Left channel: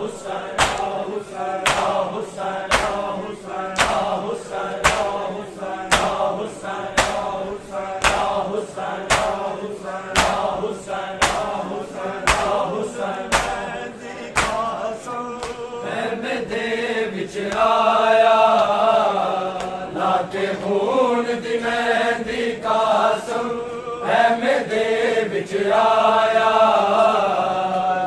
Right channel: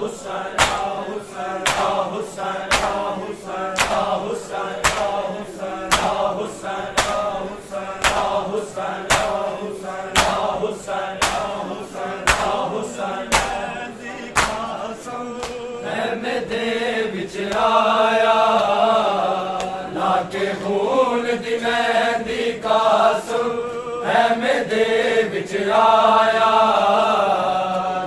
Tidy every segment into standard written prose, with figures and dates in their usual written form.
خون دی مہندی قاسم احمد وچ آیا لاکے خون دی مہندی قاسم احمد وچ آیا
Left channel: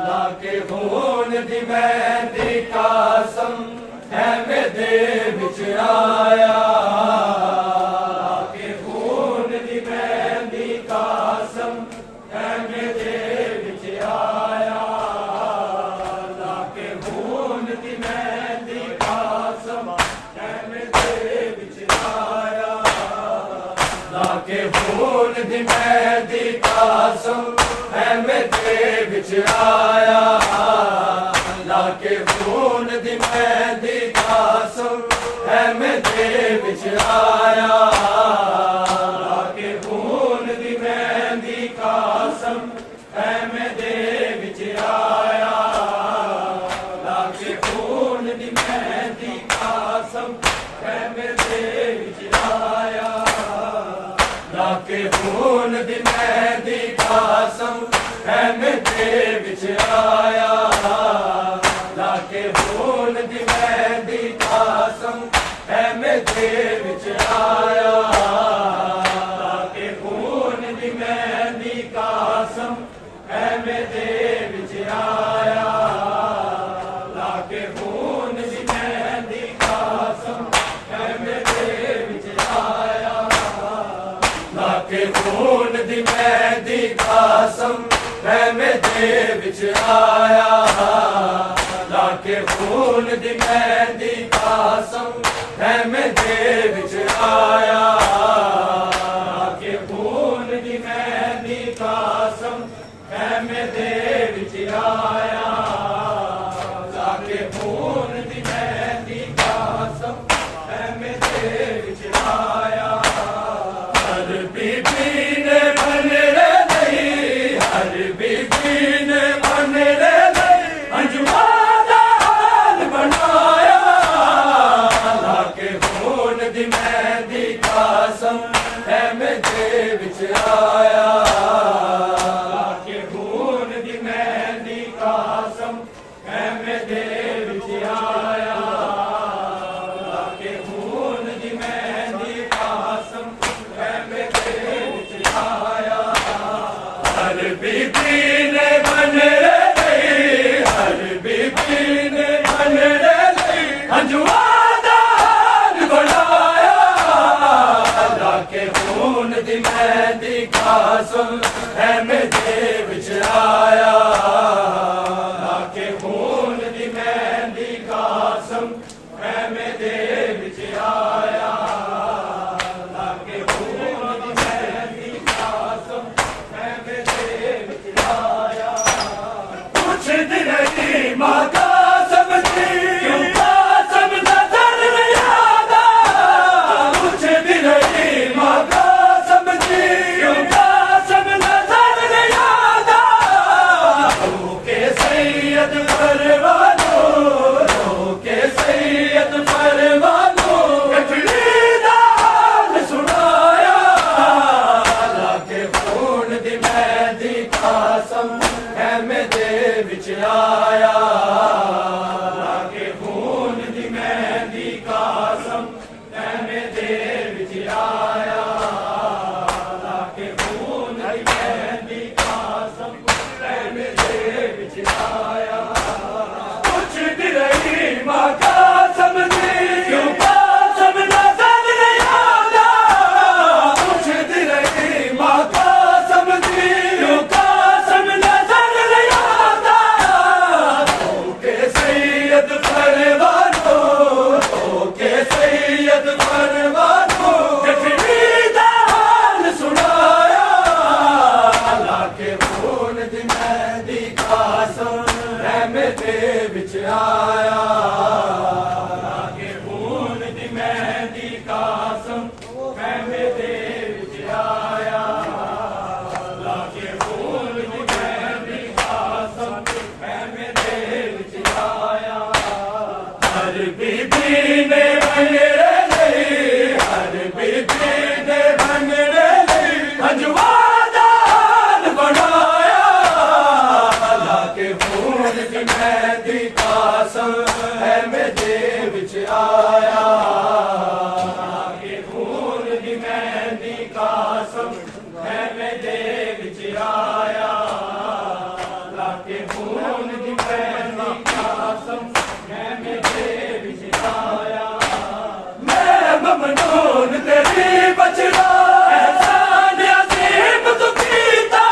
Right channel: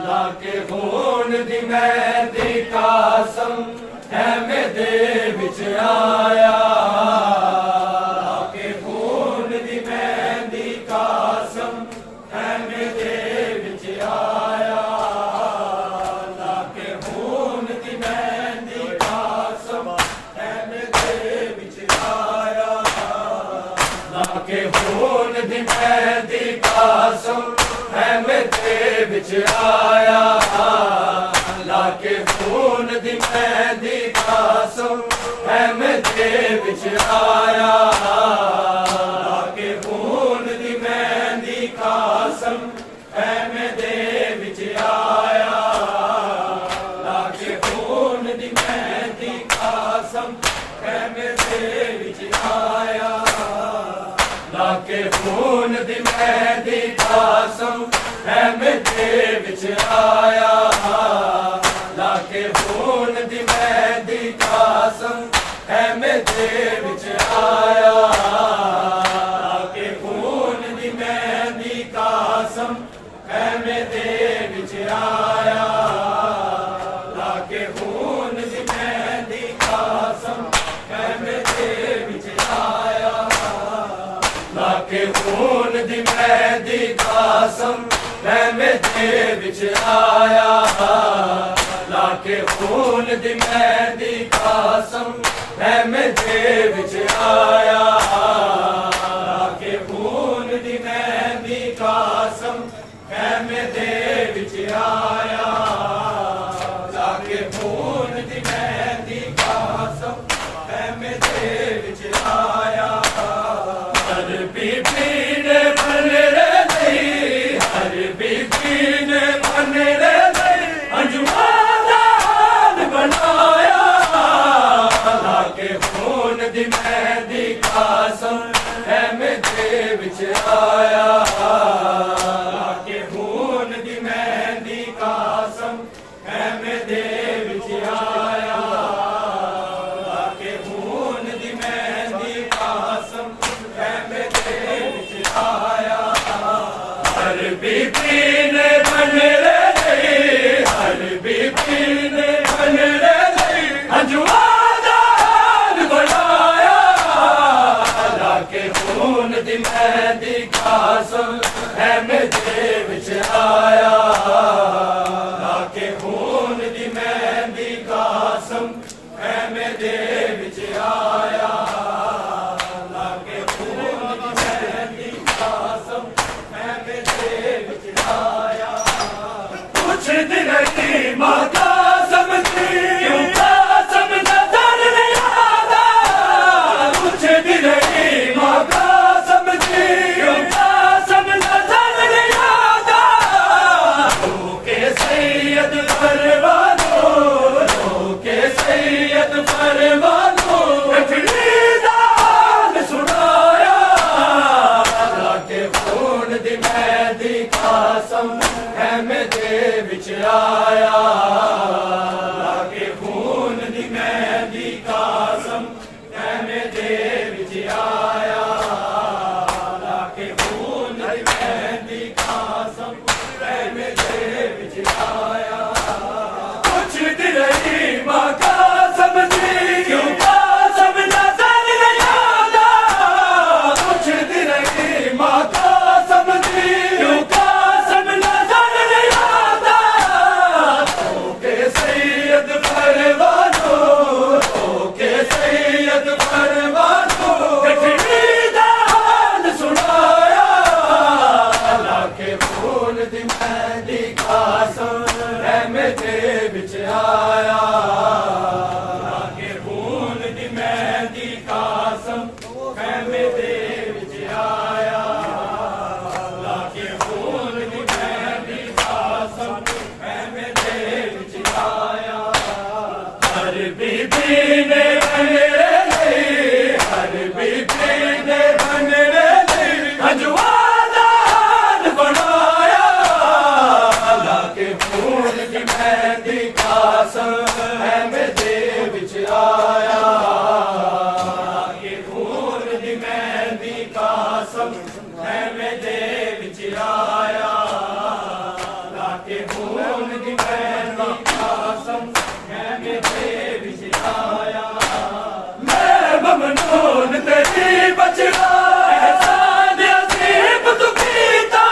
لاکے خون دی مہندی قاسم احمد وچ آیا لاکے خون دی مہندی قاسم احمد وچ آیا لاکے خون دی مہندی قاسم احمد وچ آیا لاکے خون دی مہندی قاسم احمد وچ آیا لاکے خون دی مہندی قاسم احمد وچ آیا لاکے خون دی مہندی قاسم احمد وچ آیا لاکے خون دی مہندی قاسم احمد وچ آیا لاکے خون دی مہندی قاسم احمد وچ آیا لاکے خون دی مہندی قاسم احمد وچ آیا لاکے خون دی مہندی قاسم احمد وچ آیا لاکے خون دی مہندی قاسم احمد وچ آیا لاکے خون دی مہندی قاسم احمد وچ آیا لاکے خون دی مہندی قاسم احمد وچ آیا لاکے خون دی مہندی قاسم احمد وچ آیا ہر بی بی نے بن رہی ہر بی بی نے بن رہی انجمن بنایا لاکے خون دی مہندی قاسم احمد وچ آیا لاکے خون دی مہندی قاسم احمد وچ آیا لاکے خون دی مہندی قاسم احمد وچ آیا ہر بی بی نے بن رہی ہر بی بی نے بن رہی انجمن بنایا لاکے خون دی مہندی قاسم احمد وچ آیا لاکے خون دی مہندی قاسم احمد وچ آیا لاکے خون دی مہندی قاسم احمد وچ آیا کچھ دن کی ماں قاسم کی کیوں قاسم نظر نہیں آتا کچھ دن کی ماں قاسم کی کیوں قاسم نظر نہیں آتا رو کے سید پروانو رو کے سید پروانو کٹڑی دال سنایا لاکے خون دی مہندی قاسم احمد وچ آیا لاکے خون دی مہندی قاسم احمد وچ آیا لاکے خون دی مہندی قاسم احمد وچ آیا کچھ دن رہی ماں قاسم دی کیوں قاسم نظر نہیں آتا کچھ دن رہی ماں قاسم دی کیوں قاسم نظر نہیں آتا تو کے سید پروانو تو کے سید پروانو کٹڑی دال سنایا لاکے خون دی مہندی قاسم احمد وچ آیا لاکے خون دی مہندی قاسم احمد وچ آیا لاکے خون دی مہندی قاسم احمد وچ آیا بیبی نے بنڑے لئی ہر بیبی نے بنڑے لئی اجوادان بنایا اللہ کے خون دی مہندی قاسم ہے میرے وچ آیا اللہ کے خون دی مہندی قاسم ہے میرے وچ آیا اللہ کے خون دی مہندی قاسم ہے میرے وچ آیا میں ممنون تیری بچڑا احسان عظیم تو کیتا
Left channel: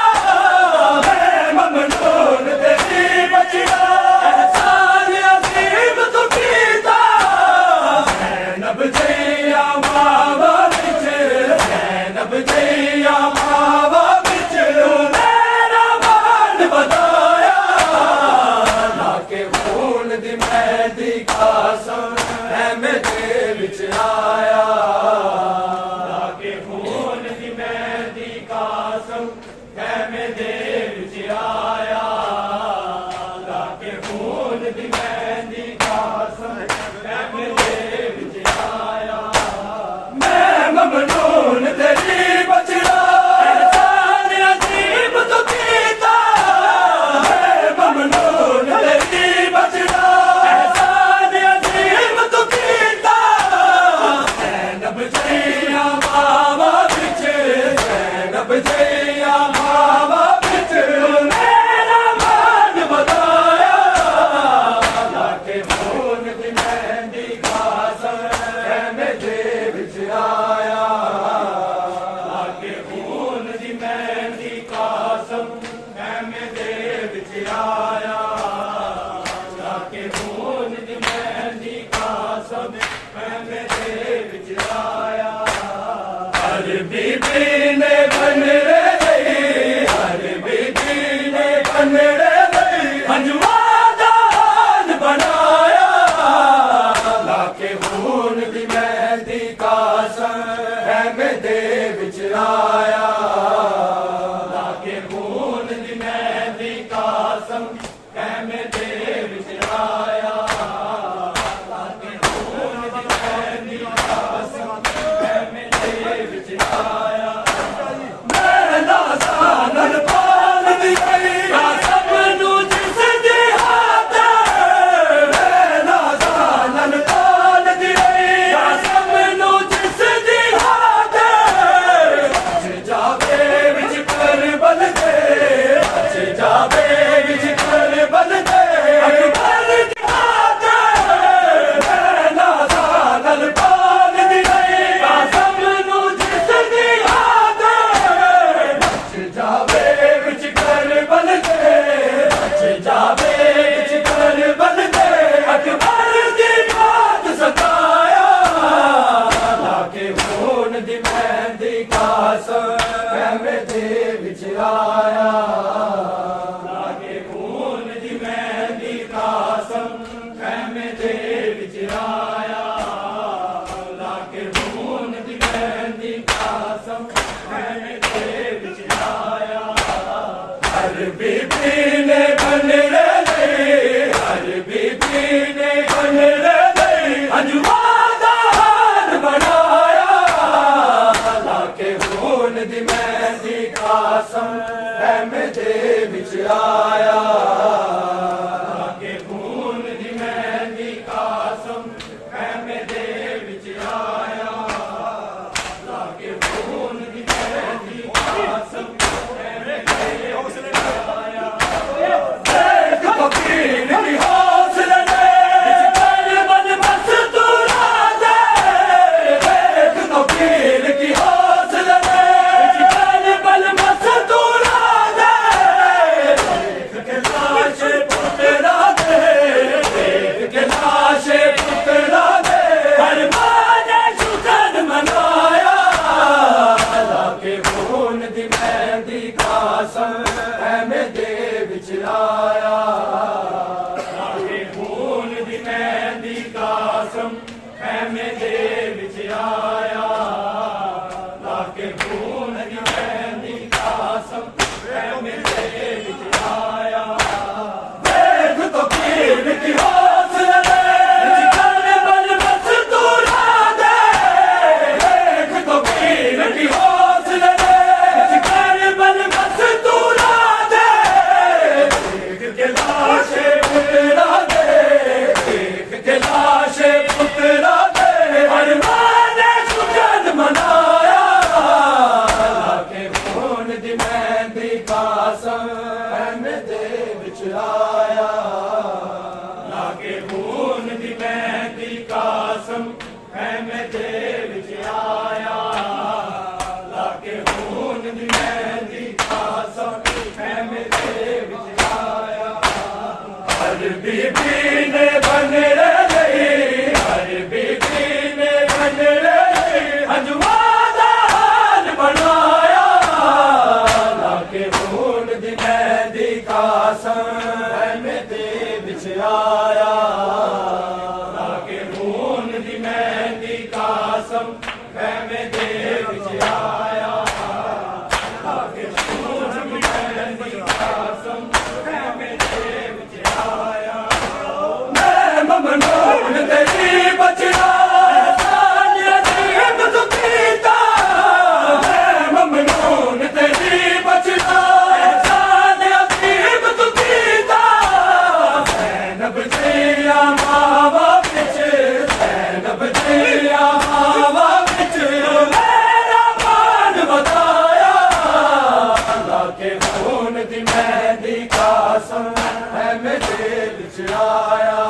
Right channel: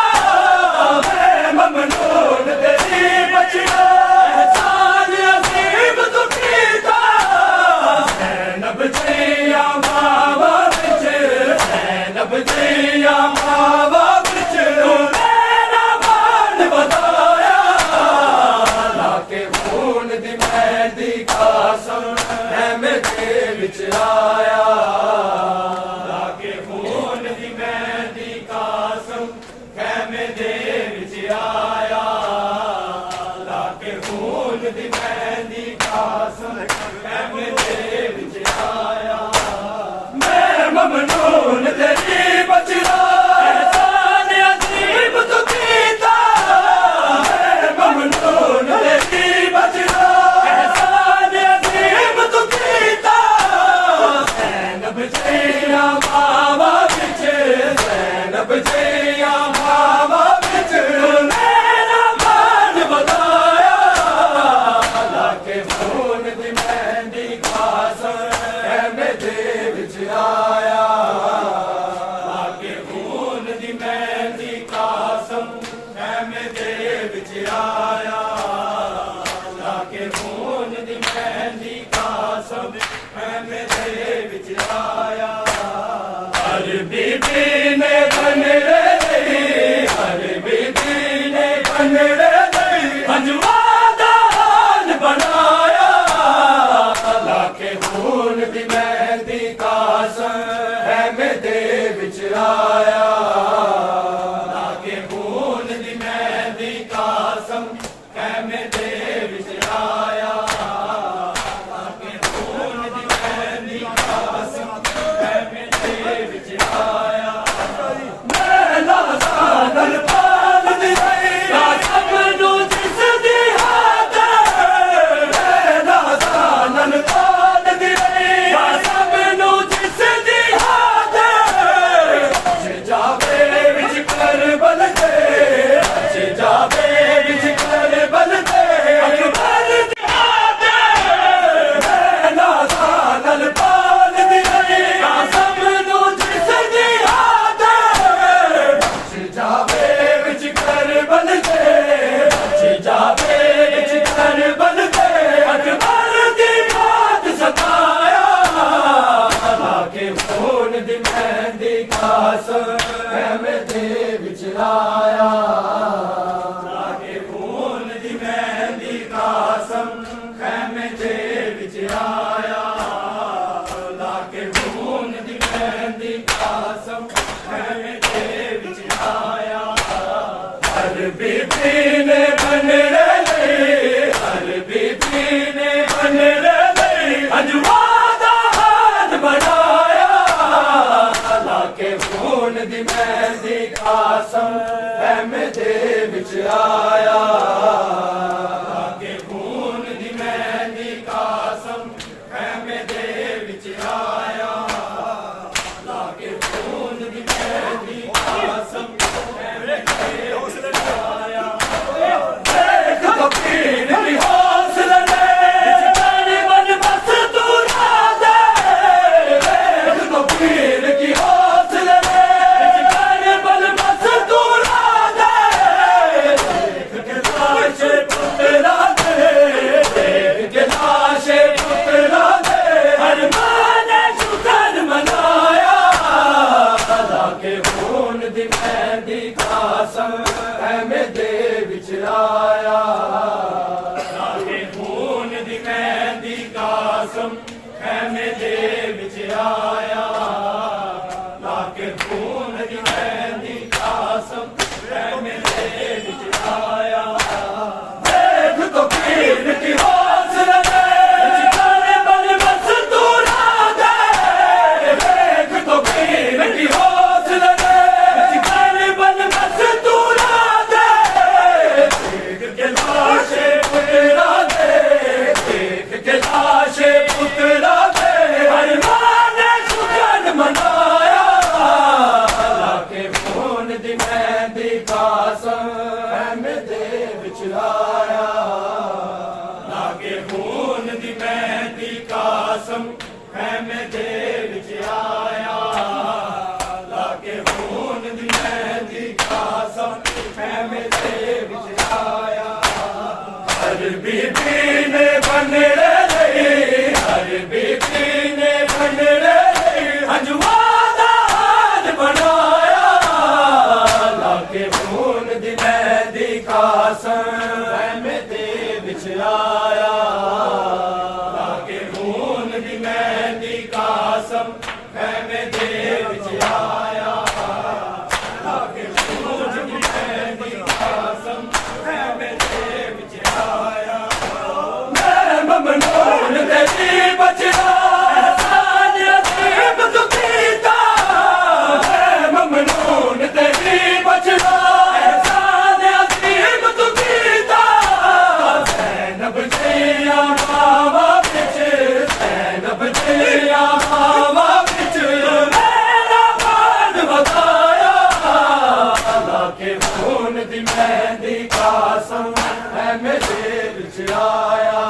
میں ممنون تیری بچڑا احسان عظیم تو کیتا زینب جیا ماوا وچ زینب جیا ماوا وچ میرا مان بتایا اللہ کے خون دی مہندی قاسم ہے میرے وچ آیا اللہ کے خون دی مہندی قاسم ہے میرے وچ آیا اللہ کے خون دی مہندی قاسم ہے میرے وچ آیا میں ممنون تیری بچڑا احسان عظیم تو کیتا میں ممنون تیری بچڑا احسان عظیم تو کیتا زینب جیا ماوا وچ زینب جیا ماوا وچ میرا مان بتایا اللہ کے خون دی مہندی قاسم ہے میرے وچ آیا اللہ کے خون دی مہندی قاسم ہے میرے وچ آیا اللہ کے خون دی مہندی قاسم ہے میرے وچ آیا ہر بیبی نے بنڑے لئی ہر بیبی نے بنڑے لئی اجوادان بنایا اللہ کے خون دی مہندی قاسم ہے میرے وچ آیا اللہ کے خون دی مہندی قاسم ہے میرے وچ آیا اللہ کے خون دی مہندی قاسم ہے میرے وچ آیا میں نازان پال دی قاسم نو جس دی ہاتھ میں نازان پال دی قاسم نو جس دی ہاتھ جاوے وچ کربل دے جاوے وچ کربل دے اکبر دی ہاتھ میں نازان پال دی قاسم نو جس دی ہاتھ جاوے وچ کربل دے جاوے وچ کربل دے اکبر دی بات ستایا اللہ کے خون دی مہندی قاسم ہے میرے وچ آیا اللہ کے خون دی مہندی قاسم ہے میرے وچ آیا اللہ کے خون دی مہندی قاسم ہے میرے وچ آیا ہر بیبی نے بنڑے لئی ہر بیبی نے بنڑے لئی اجوادان بنایا اللہ کے خون دی مہندی قاسم ہے میرے وچ آیا اللہ کے خون دی مہندی قاسم ہے میرے وچ آیا اللہ کے خون دی مہندی قاسم ہے میرے وچ آیا دیکھ تو پیر کی حوصلہ بن مستور دے دیکھ تو پیر کی حوصلہ بن مستور دے دیکھ کے لاش پترا دے دیکھ کے لاش پترا دے ہر ماں نے شکر منایا اللہ کے خون دی مہندی قاسم ہے میرے وچ آیا اللہ کے خون دی مہندی قاسم ہے میرے وچ آیا اللہ کے خون دی مہندی قاسم ہے میرے وچ آیا دیکھ تو پیر کی حوصلہ میں دے وچ آیا لاکے خون دی مہندی قاسم خیمے دے وچ آیا ہر بی بی نے بنڑے لئی ہر بی بی نے بنڑے لئی انجمن دا حال بنایا لاکے خون دی مہندی قاسم خیمے دے وچ آیا لاکے خون دی مہندی قاسم خیمے دے وچ آیا لاکے خون دی مہندی قاسم خیمے دے وچ آیا میں ممنون تیری بچنا احسان عظیم تو کیتا میں ممنون تیری بچنا احسان عظیم تو کیتا زینب جیاں ماوا بچ زینب جیاں ماوا بچ میرا مان بتایا لاکے خون دی مہندی قاسم خیمے دے وچ آیا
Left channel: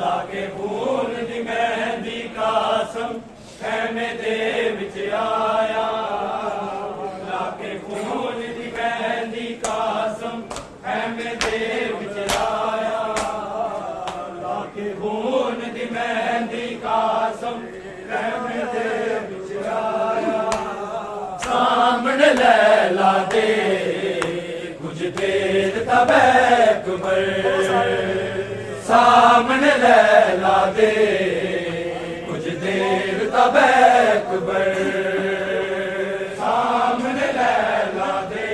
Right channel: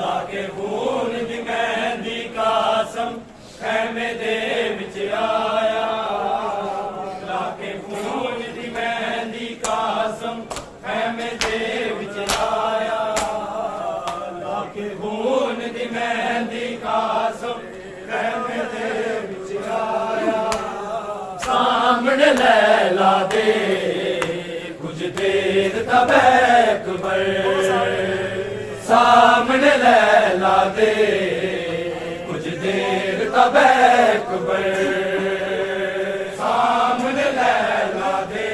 لاکے خون دی مہندی قاسم خیمے دے وچ آیا لاکے خون دی مہندی قاسم خیمے دے وچ آیا لاکے خون دی مہندی قاسم خیمے دے وچ آیا سامنے لیلا دے کچھ دیر تب اکبر سامنے لیلا دے کچھ دیر تب اکبر سامنے لیلا دے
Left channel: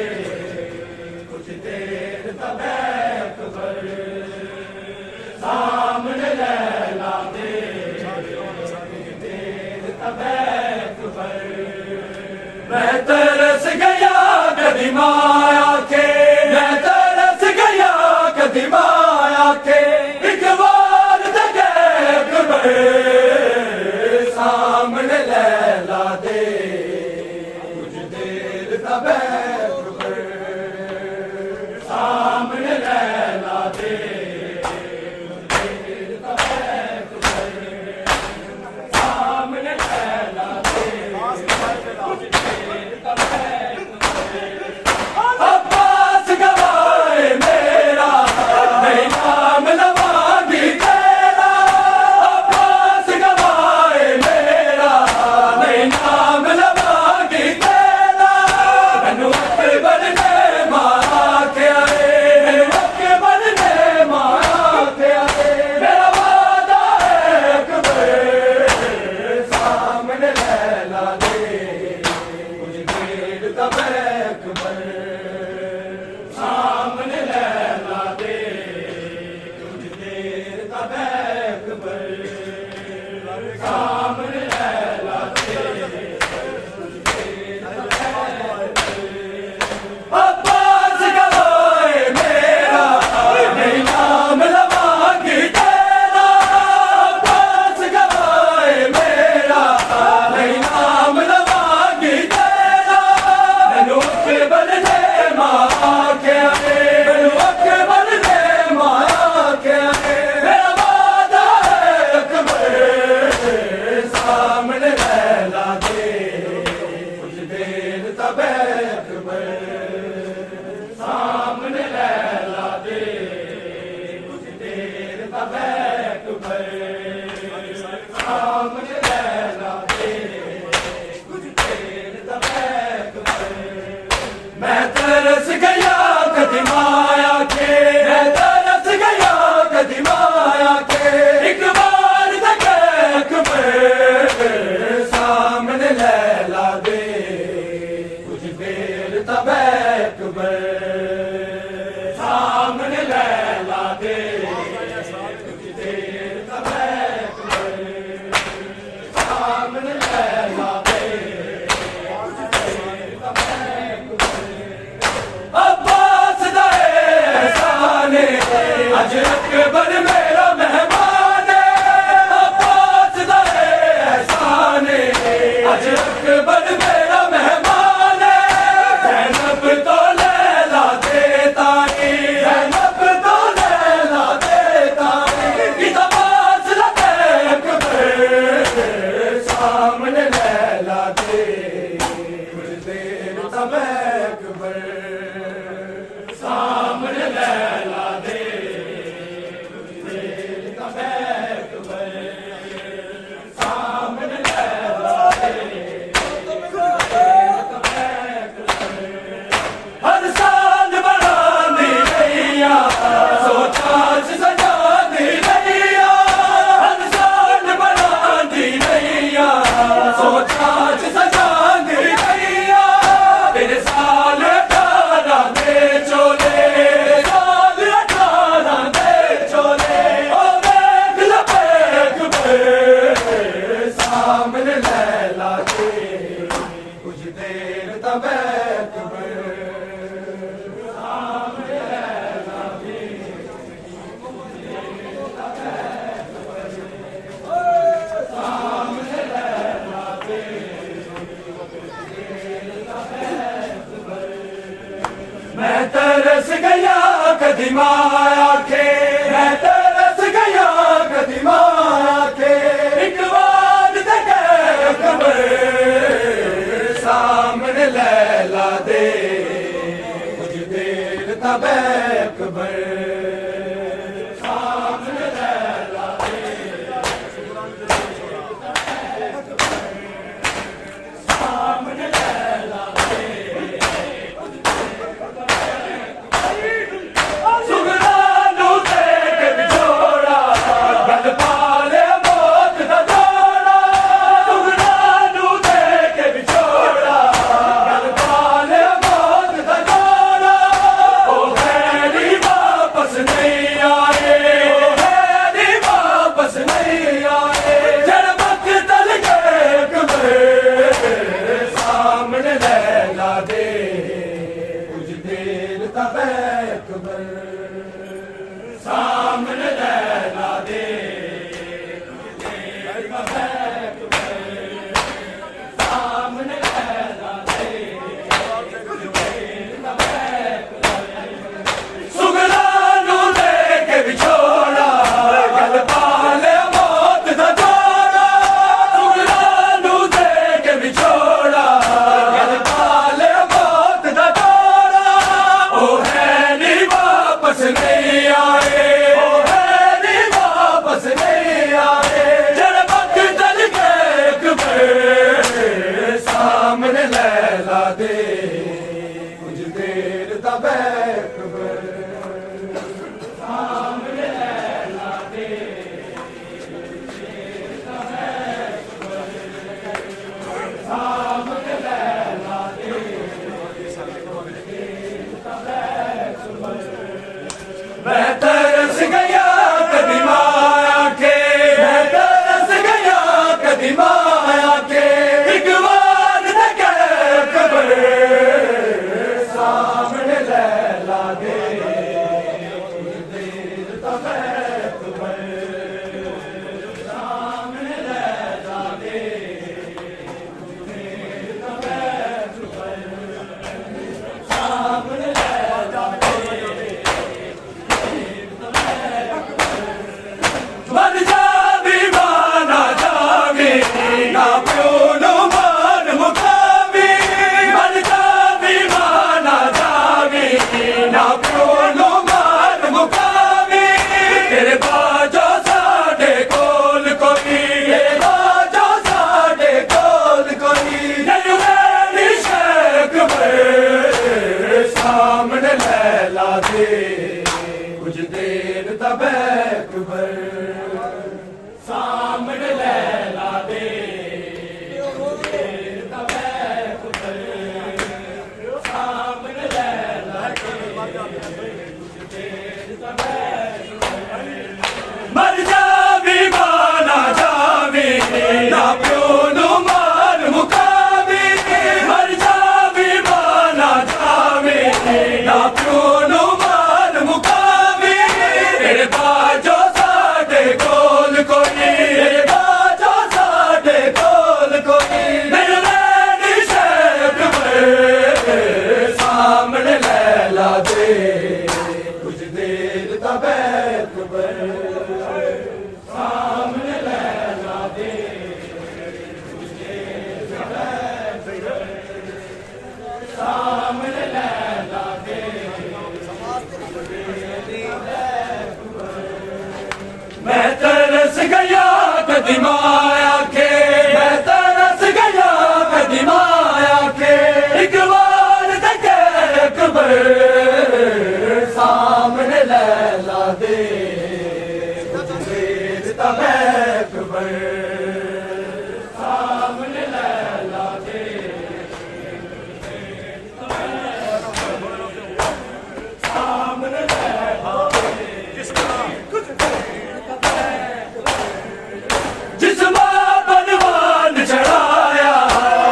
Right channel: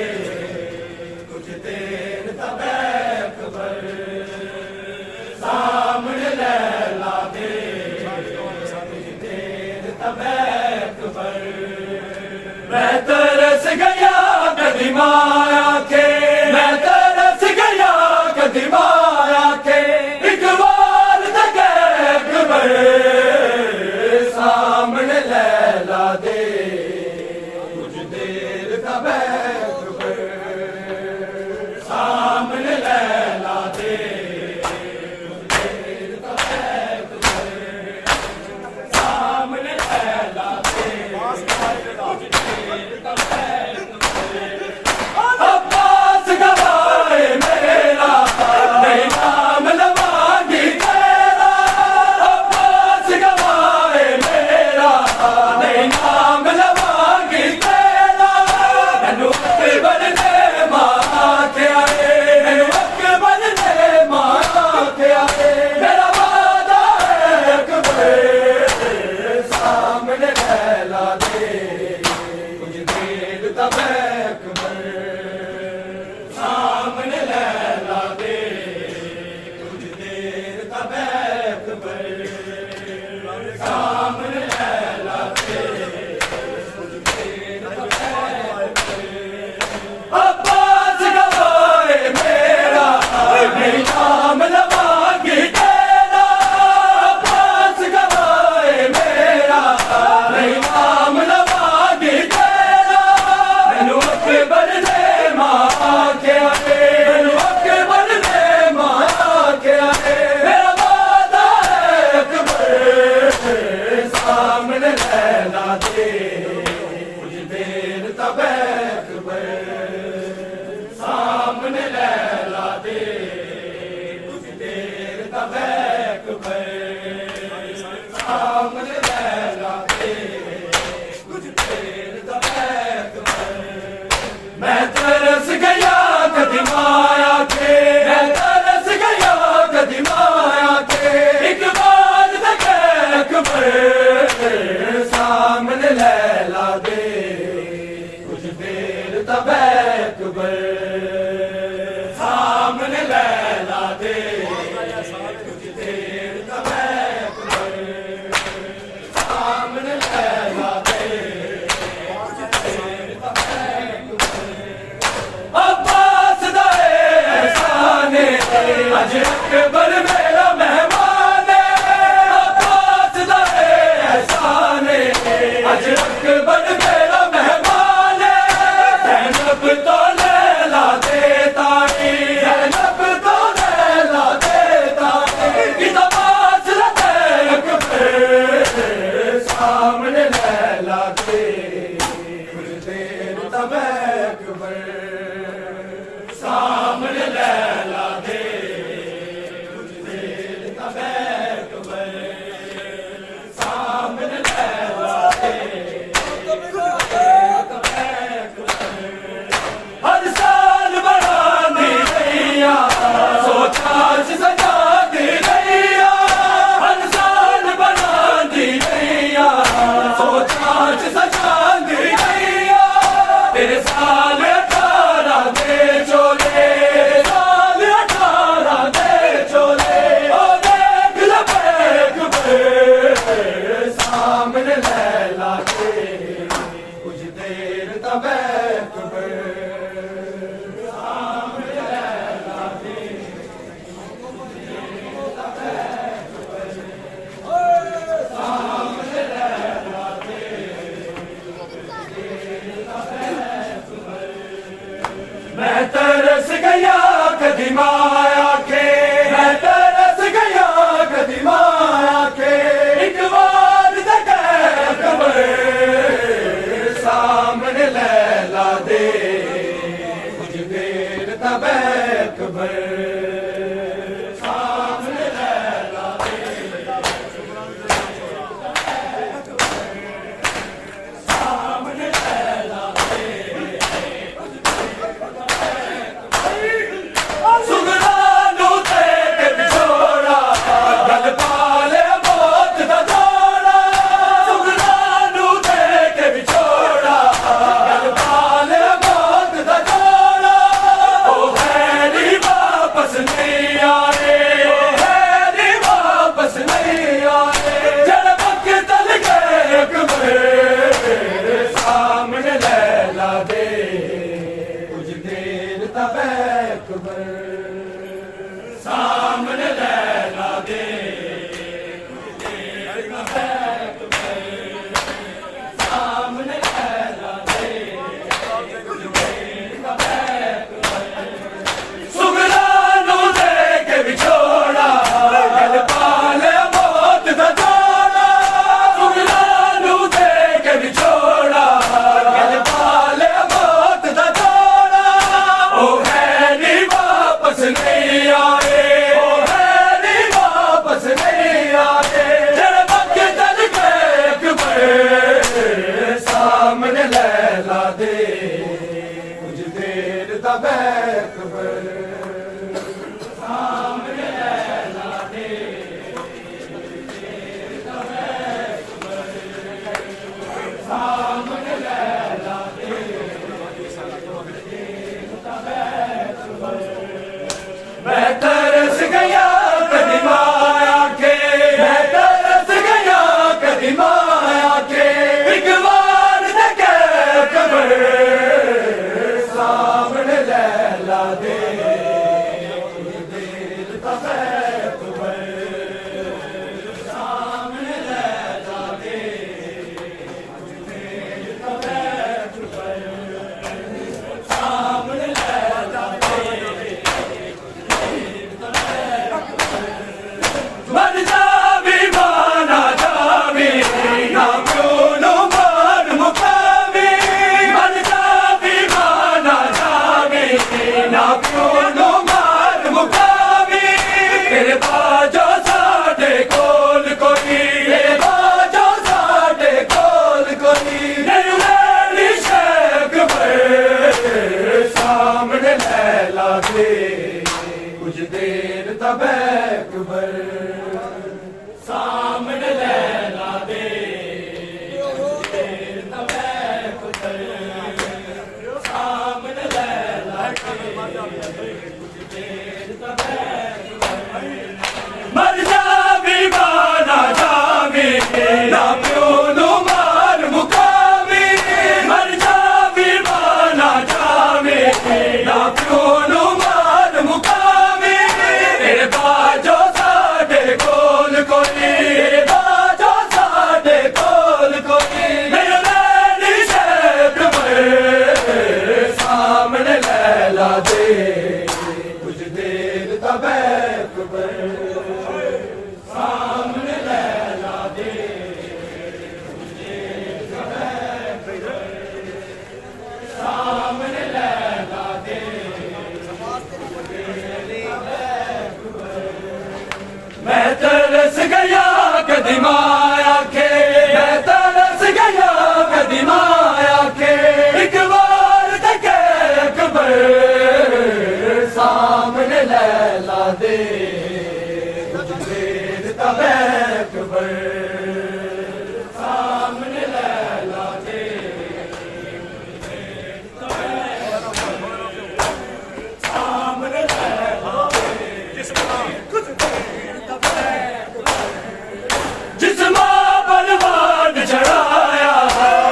کچھ دیر تب اکبر سامنے لیلا دے کچھ دیر تب اکبر میں ترس گیا قدیم آیا کے میں ترس گیا قدیم آیا کے اقبال تک اکبر سامنے لیلا دے کچھ دیر تب اکبر سامنے لیلا دے کچھ دیر تب اکبر سامنے لیلا دے کچھ دیر تب عباس گوائے میرا نہیں نام لوانگی تیرا عباس گوائے میرا نہیں نام لوانگی تیرا ننو اکبر نے مارا کے آئے ننو اکبر نے مارا کے آئے میرا وعدہ ہے اکبر سامنے لیلا دے کچھ دیر تب اکبر سامنے لیلا دے کچھ دیر تب اکبر سامنے لیلا دے کچھ دیر تب اکبر عباس گوائے میرا نہیں نام لوانگی تیرا عباس گوائے میرا نہیں نام لوانگی تیرا ننو اکبر نے ماں کے آئے ننو اکبر نے ماں کے آئے میرا وعدہ ہے اکبر سامنے لیلا دے کچھ دیر تب اکبر سامنے لیلا دے کچھ دیر تب اکبر سامنے لیلا دے کچھ دیر تب اکبر میں ترس گیا قدیم آیا کے میں ترس گیا قدیم آیا کے اقبال تک اکبر سامنے لیلا دے کچھ دیر تب اکبر سامنے لیلا دے کچھ دیر تب اکبر سامنے لیلا دے کچھ دیر تب اکبر عباس دا احسان اج اکبر میرا مہمان عباس دا احسان اج اکبر میرا مہمان زینب تو لیلا دے تاکے زینب تو لیلا دے تاکے کتا فاصلہ دے اکبر ہر سال بڑھانی رہیا سوچا سجانی رہیا ہر سال بڑھانی رہیا سوچا سجانی رہیا تیرے سال 18 دے چولے سال 18 دے چولے او دیکھ لبیک پہ سامنے لیلا کے کچھ دیر تبیک پہ میں ترس گیا قدیم آیا کے میں ترس گیا قدیم آیا کے ایک بار دیکھے قبر سامنے لیلا دے کچھ دیر تبیک قبر سامنے لیلا دے سامنے لیلا دے سگرانو دے کے بچھوڑا گل پالے موت دا جوڑا سگرانو دے کے بچھوڑا گل پالے موت دا جوڑا او غیری واپس نہیں آئے او غیری واپس نہیں آئے جڑ وقت تل گئے قبر سامنے لیلا دے کچھ دیر تبیک قبر سامنے لیلا دے کچھ دیر تبیک قبر سامنے لیلا دے کچھ دیر تبیک قبر سگرانو دے کے بچھوڑا گل پالے موت دا جوڑا سگرانو دے کے بچھوڑا گل پالے موت دا جوڑا او ہے نہیں واپس نہیں آئے او ہے نہیں واپس نہیں آئے جڑ وقت چل گئے قبر سامنے لیلا دے کچھ دیر تبیک قبر سامنے لیلا دے سامنے لیلا دے میں ترس گیا قدیم آیا کے میں ترس گیا قدیم آیا کے ایک بار دیکھے قبر سامنے لیلا دے دیر تبیک قبر سامنے لیلا دے دیر تبیک قبر سامنے لیلا دے مر جاوی مانا جاوی نا پیونو مان مقامی مر جاوی مانا جاوی نا پیونو مان مقامی تیرے باجو ساڈے کول کوئی تیرے باجو ساڈے کول کوئی نہیں رہنی شیخ میں سامنے لیلا دے کچھ دیر تبیک قبر سامنے لیلا دے کچھ دیر تبیک قبر سامنے لیلا دے کچھ دیر تبیک قبر مر جاوی مانا جاوی نا پیونو مان مقامی مر جاوی مانا جاوی نا پیونو مان مقامی تیرے باجو ساڈے کول کوئی تیرے باجو ساڈے کول کوئی نہیں رہنی شیخ میں سامنے لیلا دے کچھ دیر تبیک قبر سامنے لیلا دے کچھ دیر تبیک قبر سامنے لیلا دے کچھ دیر تبیک قبر میں ترس گیا قدیم آیا کے میں ترس گیا قدیم آیا کے ایک بار تکے اکبر سامنے لیلا دے کچھ دیر تب اکبر سامنے لیلا دے سامنے لیلا جس ماں بلوان چڑھایا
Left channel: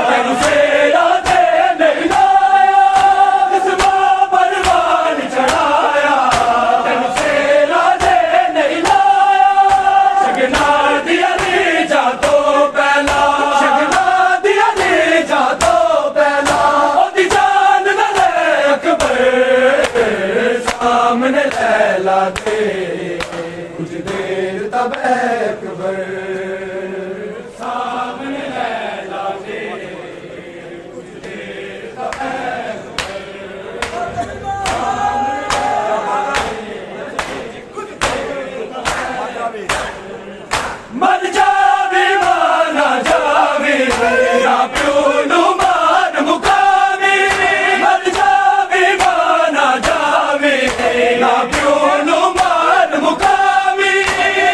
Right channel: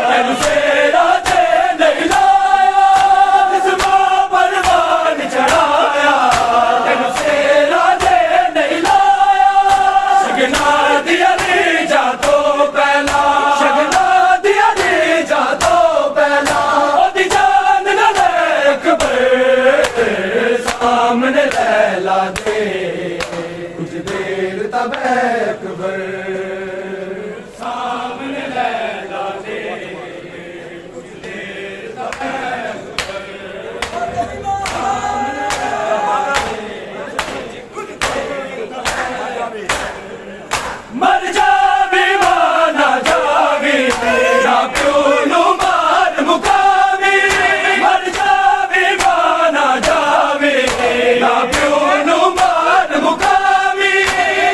میں تیرا دے نہیں لایا جس ماں بلوان چڑھایا میں تیرا دے نہیں لایا شگنا دیا لے جا تو پہلا شگنا دیا لے جا تو پہلا دی جان نہ لے اکبر سامنے لیلا دے کچھ دیر تب اکبر سامنے لیلا دے کچھ دیر تب مر جاوی مانا جاوی نہ پیولو مار مقامی مر جاوی مانا جاوی نہ پیولو مار مقامی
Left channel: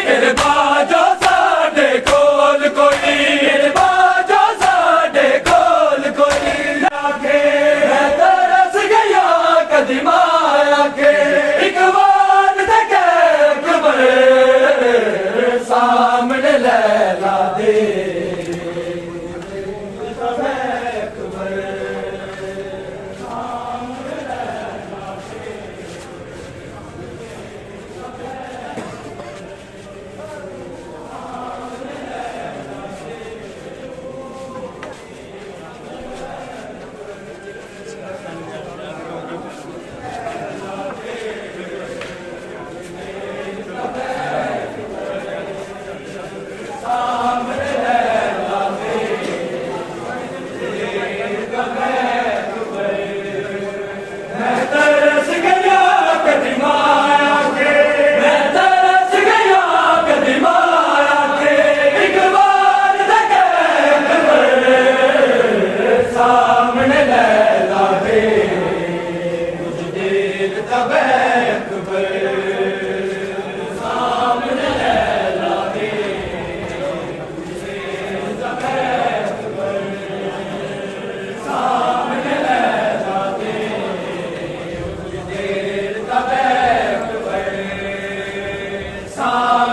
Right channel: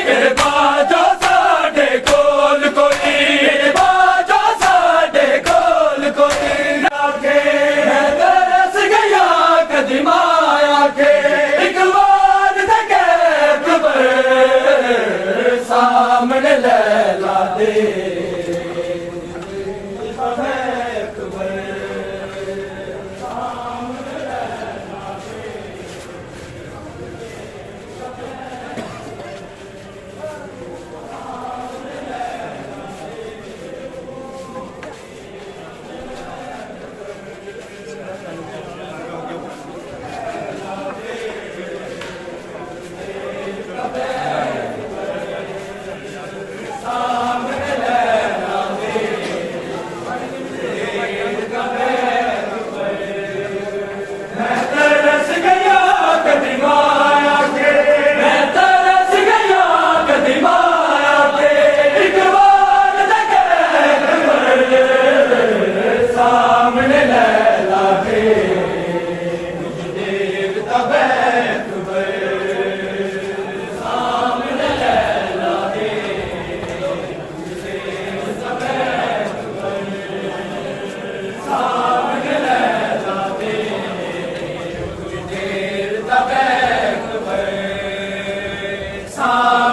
میرے باجو ساڈے کول کوئی میرے باجو ساڈے کول کوئی آکے میں ترس گیا قدیم آیا کے ایک بار تکے اکبر سامنے لیلا دے تب اکبر سامنے لیلا دے میں ترس گیا قدیم آیا کے میں ترس گیا قدیم آیا کے ایک بار تکے اکبر سامنے لیلا دے کچھ دیر تب اکبر سامنے لیلا دے کچھ دیر تب اکبر سامنے لیلا دے کچھ دیر تب اکبر سامنے